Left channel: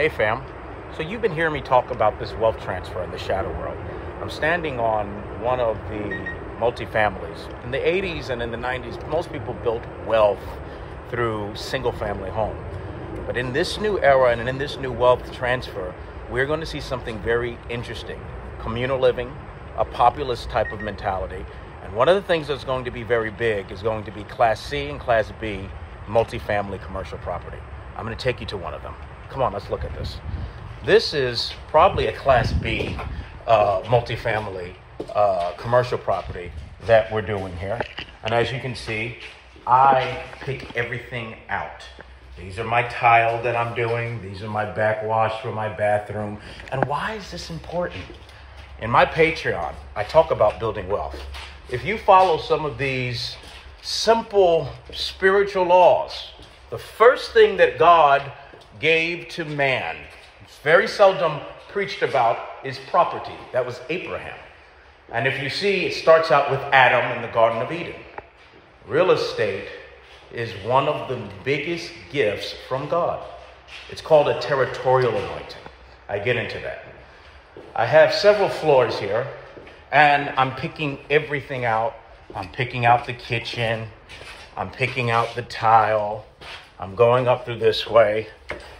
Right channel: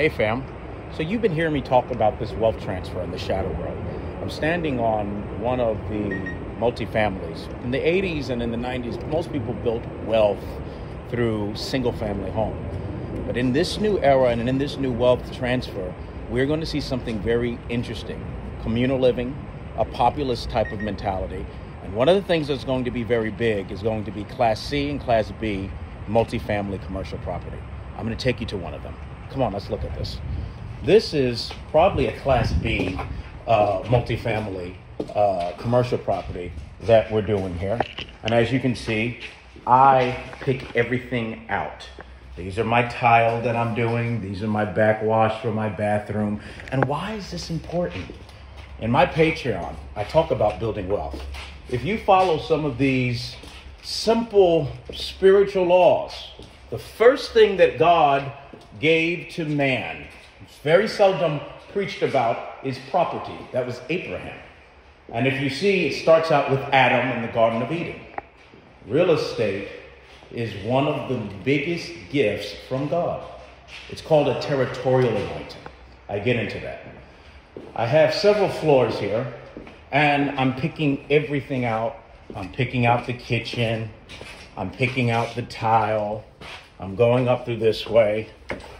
Hey fam, so you've been hearing me talk about this wealth transfer in the shadow world. I'm standing on one of the multifamilies. In the 80s and in the 90s, most people built wealth through single family home. But in this new era and in this new wealth transfer, we're going to see something very interesting. Communal living, a populist type of mentality. And one of the things that's going to be very big is going to be Class C and Class B multifamily commercial property. I'm going to take you to one of them. Come on, let's look at this. This is probably a Class B multifamily commercial property that we're doing here. And as you can see, I pick everything out. These are my tile that I'm doing. These are my backwash for my bathroom. And why is this important? In my Patreon, I talk about building wealth. If you follow some of these simple spiritual laws, the first thing that God gave to man, it's very seldom preached about, is property. That was Abraham. And if you see, it starts out with Adam in the Garden of Eden. Real estate is one of the biggest gifts from God. It's called a territorial anointing. I get into that. I have several floors here, and I'm picking everything out. I'm picking out the kitchen. I'm picking out the tile. I'm going up through this way.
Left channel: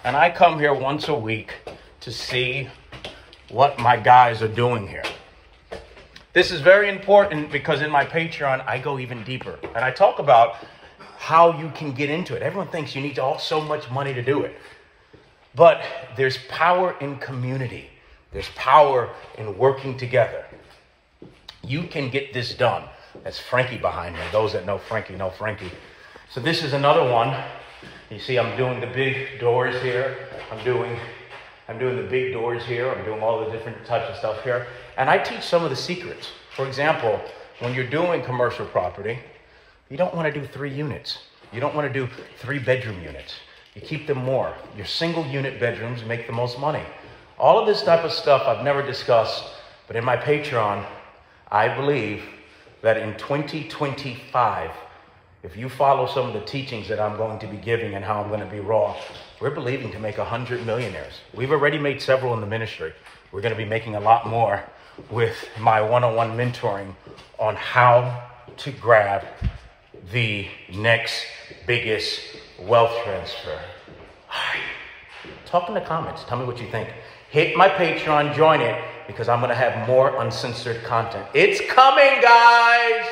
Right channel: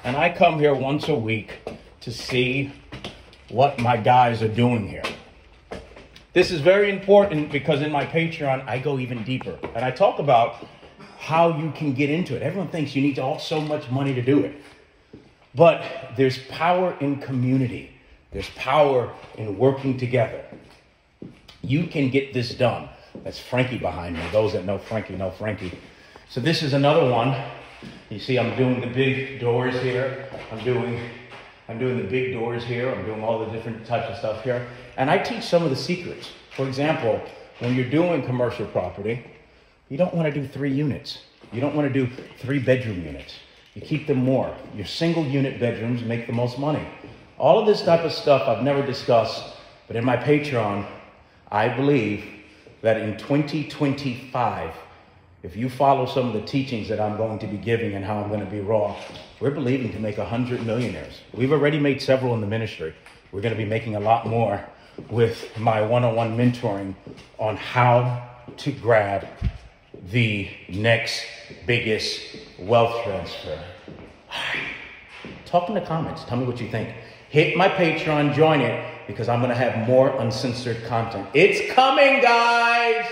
And I come here once a week to see what my guys are doing here. This is very important because in my Patreon, I go even deeper. And I talk about how you can get into it. Everyone thinks you need to have so much money to do it. But there's power in community. There's power in working together. You can get this done. That's Frankie behind me. Those that know Frankie know Frankie. So this is another one. You see, I'm doing the big doors here. I'm doing the big doors here. I'm doing all the different types of stuff here. And I teach some of the secrets. For example, when you're doing commercial property, you don't want to do 3 units. You don't want to do 3-bedroom units. You keep them more. Your single unit bedrooms make the most money. All of this type of stuff I've never discussed, but in my Patreon, I believe that in 2025, if you follow some of the teachings that I'm going to be giving and how I'm going to be raw, we're believing to make 100 millionaires. We've already made several in the ministry. We're going to be making a lot more with my one-on-one mentoring on how to grab the next biggest wealth transfer. All right. Talk in the comments. Tell me what you think. Hit my Patreon, join it, because I'm going to have more uncensored content. It's coming, guys!